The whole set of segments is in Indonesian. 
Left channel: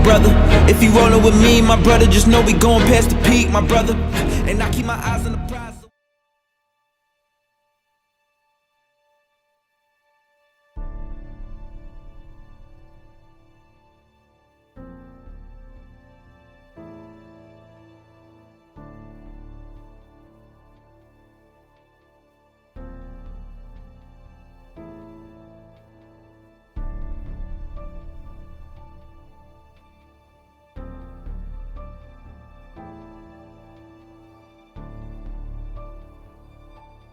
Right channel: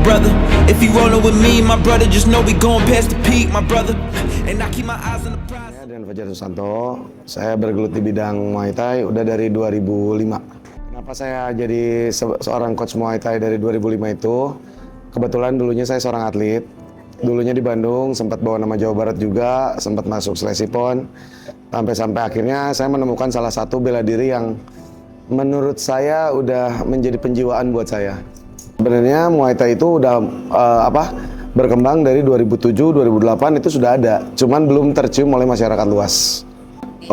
brother. If you rollin' with me, my brother, just know we going past the peak, my brother. And I keep my eyes on the prize. Saya Dian Fajar Susanto, saya bergelut di bidang Muay Thai udah dari 2005. Kenapa saya jadi seorang coach Muay Thai dari 2005 itu? Kebetulan dulunya saya seorang atlet. Dulunya di Bandung, sempat bawa nama Jawa Barat juga, sempat masuk seleksi PON. Sampai akhirnya saya menemukan salah satu bela diri yang menurut saya udah menjadi penjiwaan buat saya. Sebenarnya Muay Thai itu udah berkembang dari 2007, 2008 itu sudah ada, cuman belum tercium oleh masyarakat luas.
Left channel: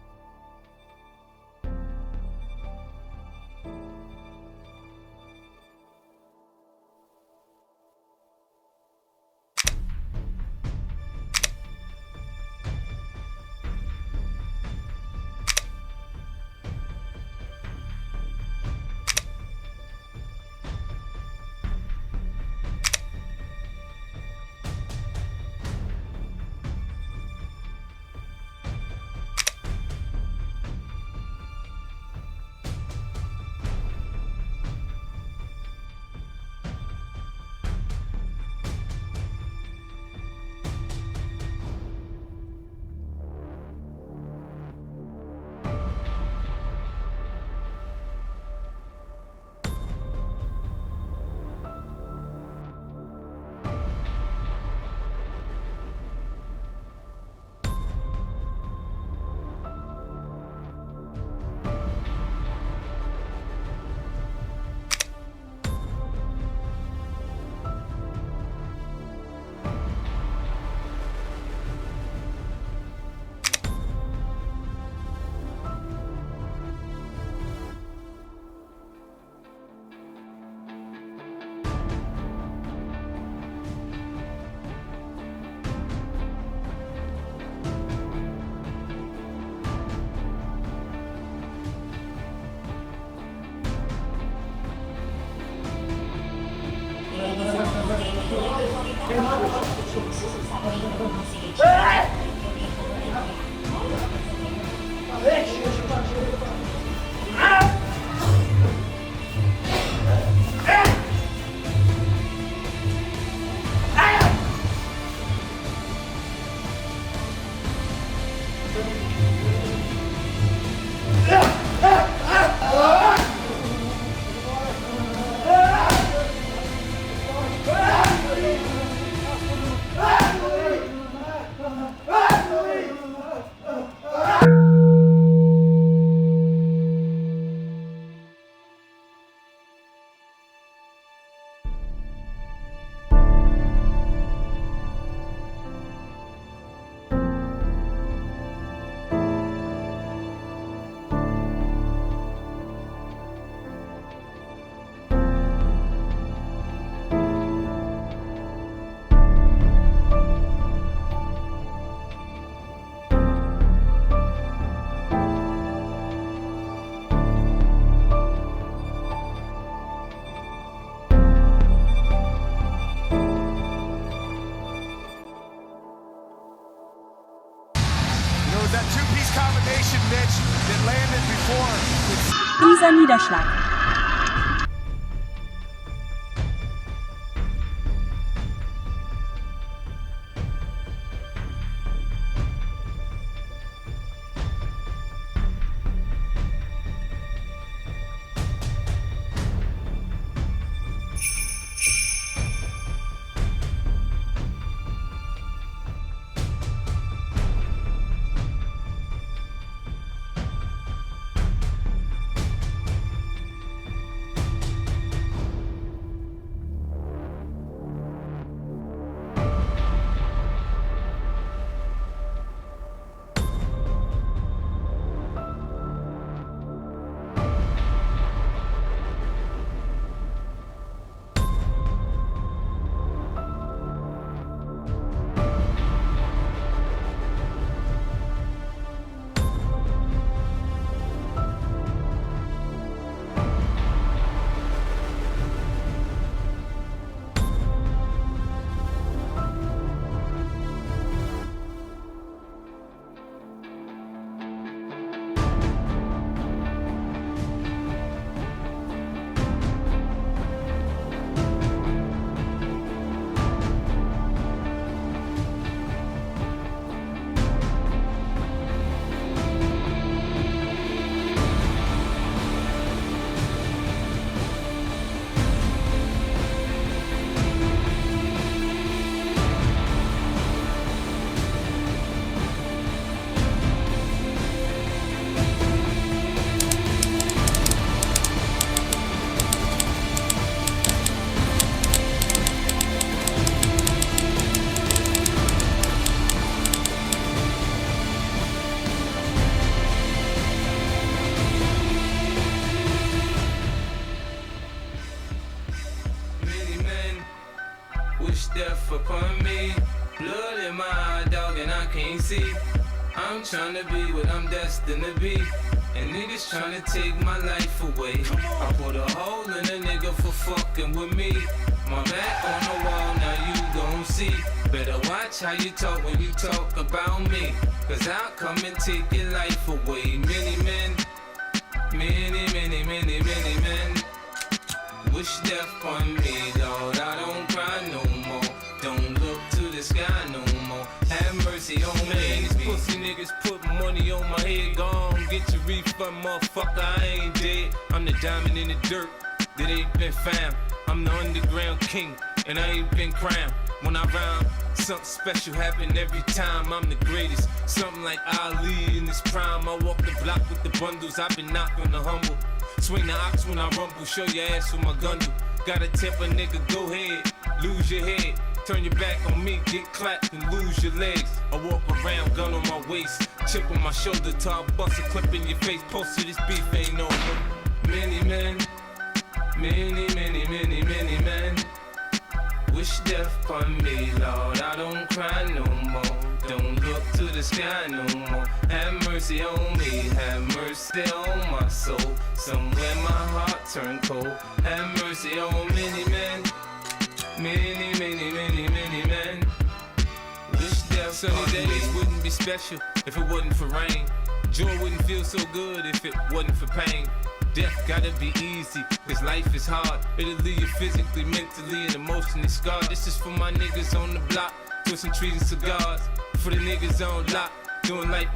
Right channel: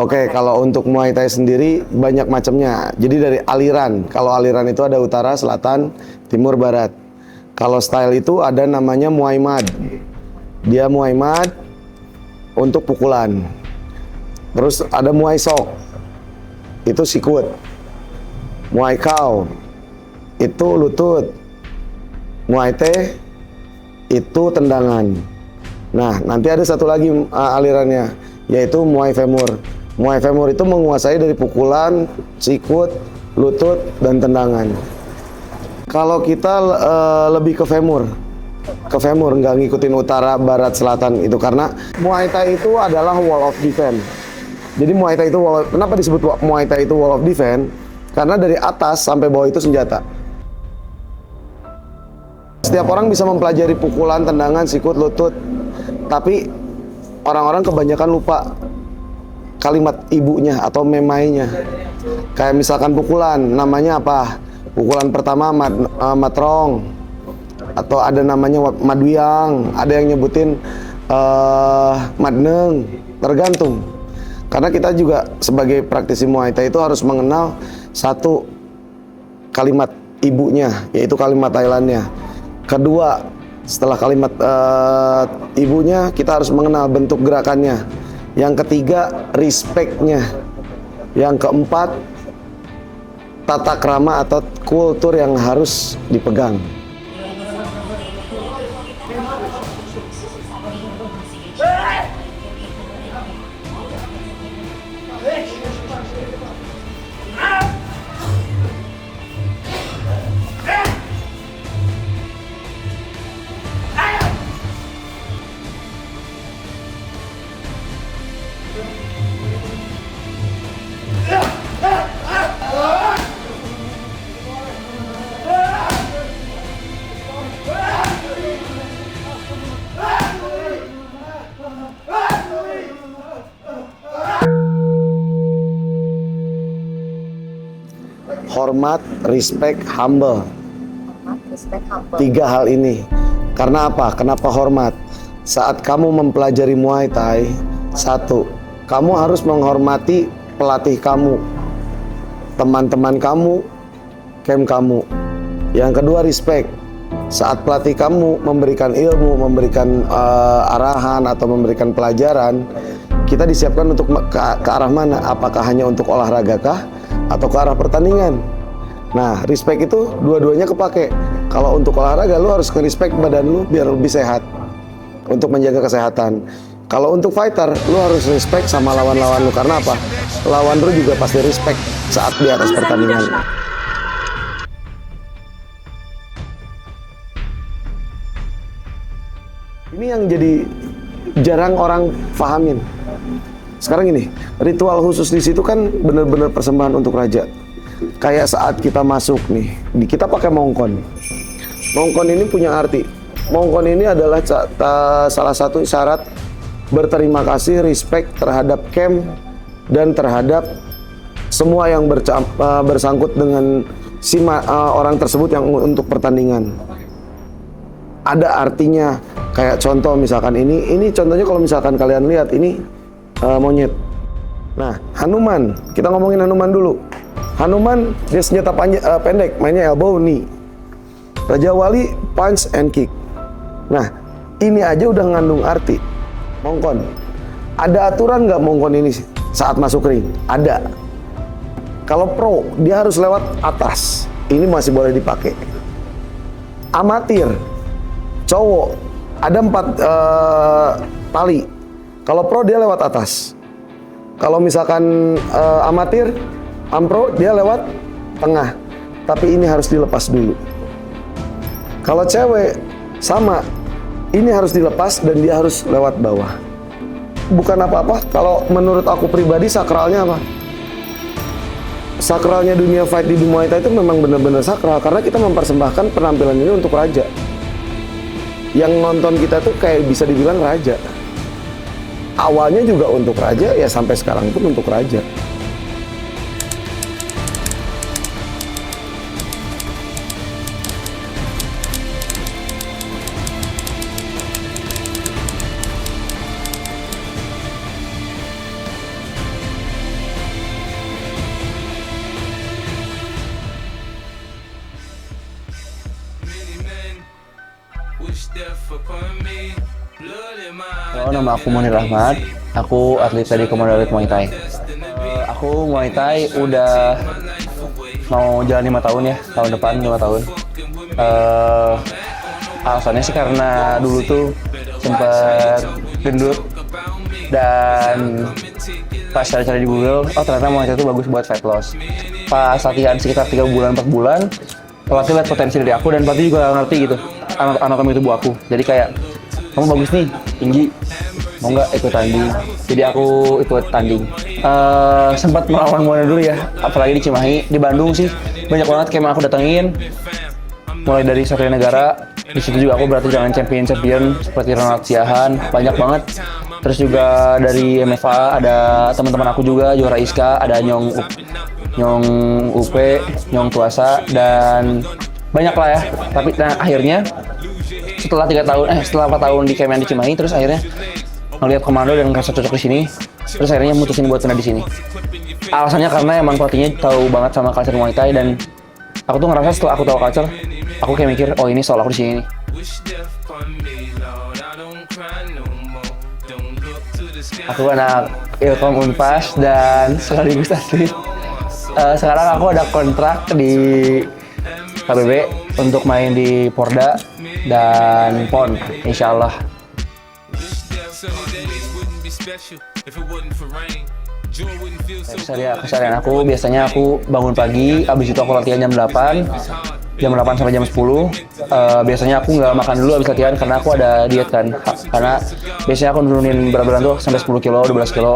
Oke, kalau untuk Muay Thai sendiri banyak macamnya. Jadi dari aliran, kalau aliran itu ada utara, selatan, timur, barat. Kalau style itu ada namanya Muay Mad. Dia Muay Mad untuk pukulan. Terus ada Muay Sok, itu sikut. Muay Khao, itu lutut. Muay Thai, itu tendangan. Nah, nanti ada satu lagi alirannya, yaitu Muay Femur. Muay Femur itu menguasai dari pukulan, sikut, lutut, dan tendangan. Kalau kita lebih ke femur, nggak ngikutin utara, barat, selatan itu karena Muay Thai itu adalah wall of defense. Jadi Muay Thai itu kenapa disebut Muay Thai itu wall of defense? Karena dari atas sampai bawah itu senjata. Setiap orang bisa mempelajari pukulan, tendangan, sikut, lutut, tapi orang-orang kebanyakan lupa kalimat ibunya atau memainya. Kayak misalkan pukulan, namanya apa? Pukulan pertama matrong, atau ada namanya madwiang, ada yang nyebutin madneng, tergantung. Karena kita juga sebagai praktisi Muay Thai itu harus mengenal satu kalimat ibunya, yaitu kalimat Thailandnya. Kedua, setelah kalimat ibunya, kita harus mengenal bentuk gerakannya. Yang ketiga, respect-nya. Yang keempat, tata krama atau kultur yang harus dipegang. Hormat, respect, humble. Tiga hal ini. Karena apa? Kenapa hormat? Saat kamu mempelajari Muay Thai, satu, kamu harus menghormati pelatih kamu, teman-teman kamu, camp kamu. Yang kedua, respect. Saat pelatih kamu memberikan ilmu, memberikan arahan atau memberikan pelajaran, kita disiapkan untuk ke arah mana? Apakah hanya untuk olahraga kah? Atau ke arah pertandingan. Nah, respect itu dua-duanya kepake. Kalau untuk olahraga, lu harus nge-respect badan lu biar lebih sehat, untuk menjaga kesehatan. Kalau untuk fighter, lu harus respect sama lawan-lawan lu. Karena apa? Lawan lu juga pasti respect saat di atas pertandingan. Ini yang jadi jarang orang pahamin. Sekarang ini, ritual khusus di situ kan benar-benar persembahan untuk raja. Kayak saat kita masuk nih, kita pakai mongkon. Mongkon ini punya arti. Mongkon ini adalah salah satu syarat berterima kasih, respect terhadap camp dan terhadap semua yang bersangkut dengan orang tersebut yang untuk pertandingan. Ada artinya. Kayak contoh misalkan ini contohnya kalau misalkan kalian lihat ini monyet. Nah, Hanuman, kita ngomongin Hanuman dulu. Hanuman dia senjata pendek, mainnya elbow, knee. Raja Wali punch and kick. Nah, ini aja udah ngandung arti. Mongkon. Ada aturan nggak mongkon ini saat masuk ring? Ada. Kalau pro, dia harus lewat atas. Ini masih boleh dipakai. Amatir, cowok, ada 4 tali. Kalau pro dia lewat atas. Kalau misalkan amatir, ampro dia lewat tengah. Tapi ini harus dilepas dulu. Kalau cewek sama, ini harus dilepas dan dia harus lewat bawah. Bukan apa-apa, kalau menurut aku pribadi sakralnya apa? Sakralnya dunia fight di Muay Thai itu memang benar-benar sakral karena kita mempersembahkan penampilan ini untuk raja. Yang nonton kita tuh kayak bisa dibilang raja. Awalnya juga untuk raja, ya sampai sekarang pun untuk raja. Nama aku Munir Rahmat, aku atlet dari Komando Muay Thai. Aku Muay Thai udah mau jalan 5 tahun ya, tahun depan 5 tahun. Alasannya sih karena dulu tuh sempat gendut dan pas cari-cari di Google, oh ternyata Muay Thai itu bagus buat fat loss. Pas latihan sekitar 3 bulan 4 bulan, pelatih lihat potensi dari aku dan pelatih juga ngerti gitu anatomi tubuh aku. Jadi kayak kamu bagus nih, tinggi, mau nggak ikut tanding? Jadi aku ikut tanding. Sempat melawan Muay dulu ya, apalagi di Cimahi. Di Bandung sih banyak banget kayak aku datengin, mulai dari Satria Negara. Di situ juga aku berarti dengan champion seperti Ronald Siahan, banyak banget. Terus juga dari MFA ada teman-teman aku juga, Juara Iska, ada Nyong Upe, Nyong Tuasa, dan banyak lah ya. Tapi akhirnya setelah 4 tahun di Kemen di Cimahi, terus akhirnya ngeliat Komando dan ngerasa cocok di sini, terus akhirnya mutusin buat kena di sini. Alasannya karena emang pelatihnya tahu banget sama culture Muay Thai, dan aku tuh ngerasa setelah aku tahu culture, aku kayak mikir, oh ini soal aku di sini. Aku anak Ilkom Unpas dan sekaligus atlet. Sekarang aku ada kontrak di KBB untuk main di Porda dan PON, insya Allah. Keseharian aku biasanya aku bangun pagi, habis itu aku latihan jam 8 sampai jam 10. Biasanya aku nggak makan dulu habis latihan karena aku ada diet kan. Karena biasanya aku nurunin berat badan tuh sampai 10 kilo, 12 kilo.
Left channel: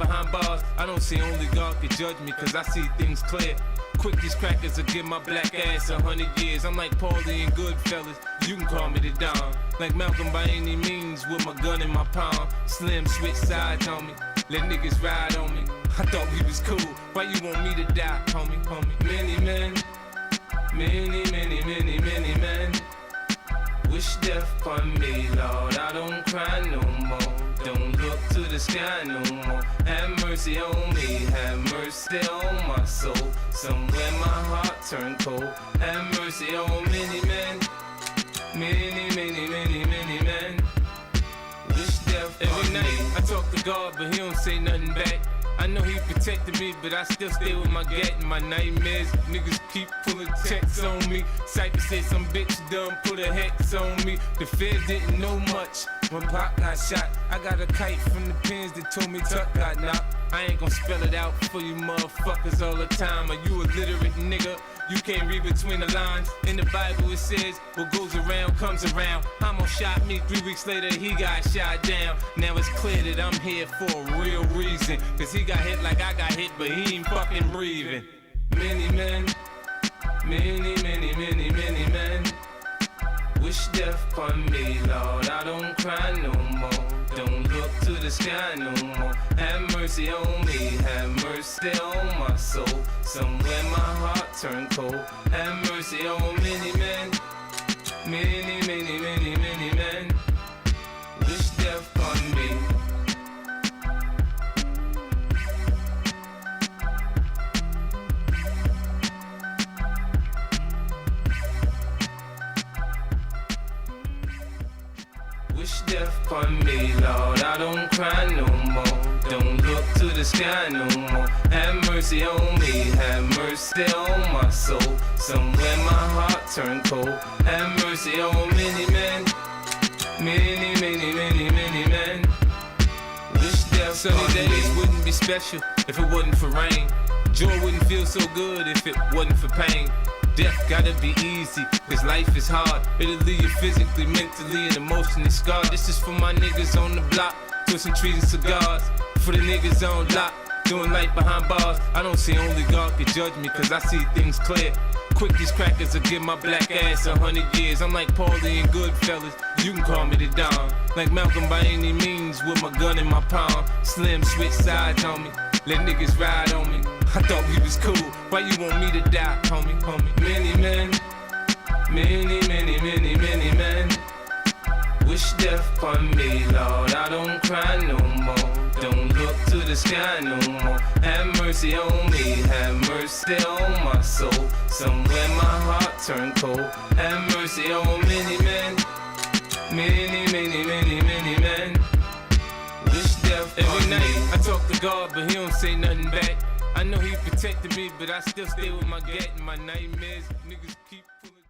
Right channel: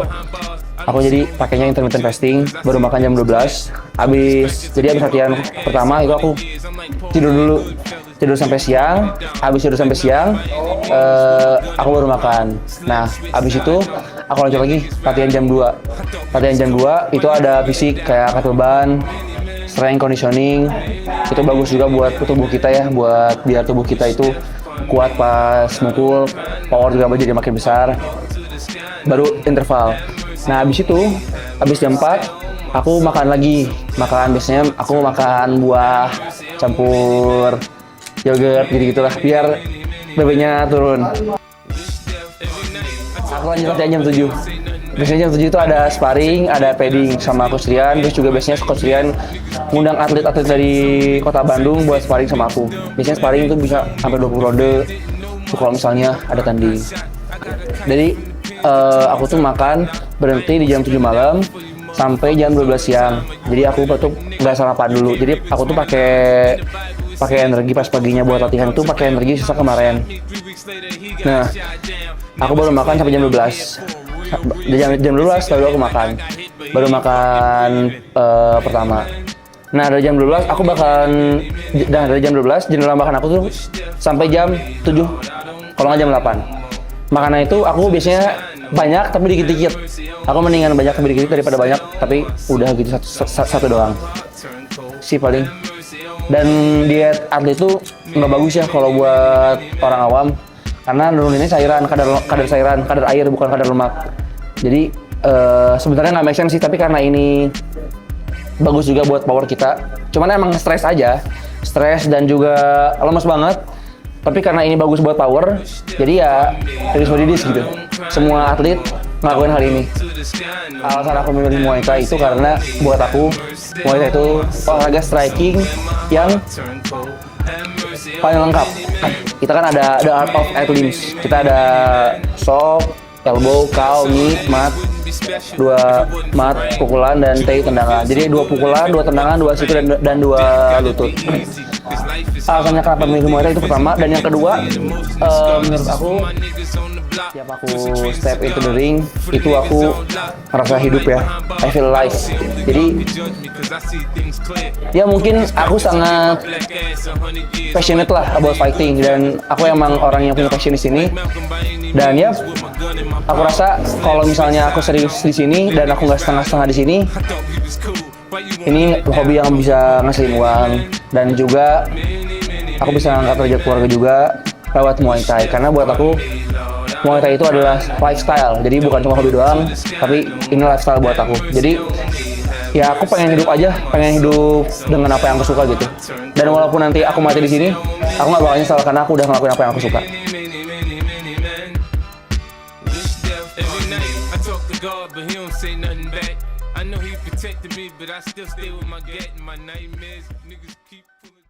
Aku jadi pakainya intermittent fasting, baru makan jam 12. Jadi habis latihan pertama itu aku tidur sampai siang. Habis tidur sampai siang, aku baru makan. Nah, habis itu aku lanjut lagi latihan jam 2. Latihan jam 2 itu ada fisik kayak angkat beban, strength conditioning. Itu bagus juga buat tubuh kita ya, buat biar tubuh kita itu kuat pas mukul, power juga jadi makin besar. Baru interval. Nah, habis jam 4 aku makan lagi. Biasanya aku makan buah campur yogurt gitu-gitulah biar BB-nya turun. Aku lanjut latihan jam 7. Biasanya jam 7 itu ada sparring, ada padding sama Coach Rian. Terus juga biasanya Coach Rian ngundang atlet-atlet dari kota Bandung buat sparring sama aku. Biasanya sparring itu bisa sampai 20 ronde kalau misalnya ada tanding. Jadi aku tuh makan berhenti di jam 7 malam sampai jam 12 siang. Jadi aku tuh nggak sarapan dulu. Jadi aku tuh pakai energi pas paginya buat latihan itu pakai energi sisa kemarin. Nah, aku baru makan sampai jam 12. Di jam 12 lalu aku makan. Baru makan pertama. Nah, dari jam 12 aku dari jam 12 jendela makan aku tuh sampai jam 7. Kalau nggak jam 8. Makanan itu aku biasanya banyak tapi dikit-dikit. Aku mendingan banyak tapi dikit daripada banyak tapi udah gitu satu doang sih paling. Dan diet atlet itu nggak bagus ya kalau buat orang awam karena nuruninnya cairan, kadar air bukan kadar lemak. Jadi sebenarnya nggak make sense sih, tapi karena ini bagus juga buat power kita. Cuman emang stres dan juga lemes banget. Tapi karena ini bagus buat power, jadi ya tulis modis gitu. Semua atlet ngelakuin hal ini. Alasan aku memilih Muay Thai itu karena buat aku Muay Thai itu olahraga striking yang paling lengkap. Kita kan ada art of 8 limbs. Kita ada shock, elbow, cow, knee, mat, 2 mat, pukulan, dan tendangan. Jadi 2 pukulan, 2 tendangan, 2 siku dan 2 lutut. alasannya kenapa milih Muay Thai itu pertama, dan yang kedua menurut aku tiap aku step into the ring itu aku merasa hidup ya, I feel alive. Jadi ya mungkin aku sangat passionate lah about fighting, dan aku emang orang yang punya passion di sini. Dan ya aku rasa kalau misalnya aku serius di sini dan aku nggak setengah-setengah di sini, ini hobi yang bisa ngasihin uang, dan juga aku bisa angkat derajat keluarga juga lewat Muay Thai. Karena buat aku Muay Thai itu adalah lifestyle, jadi bukan cuma hobi doang, tapi ini lifestyle buat aku. Jadi ya aku pengen hidup aja, pengen hidup dengan apa yang aku suka gitu. Dan walaupun nanti aku mati di sini, aku nggak bakal nyesal karena aku udah ngelakuin apa yang aku suka. Every night I talk to God, but He don't say nothing back. I know He protected me, but I still stay with my gut and my nightmares. Niggas keep pulling.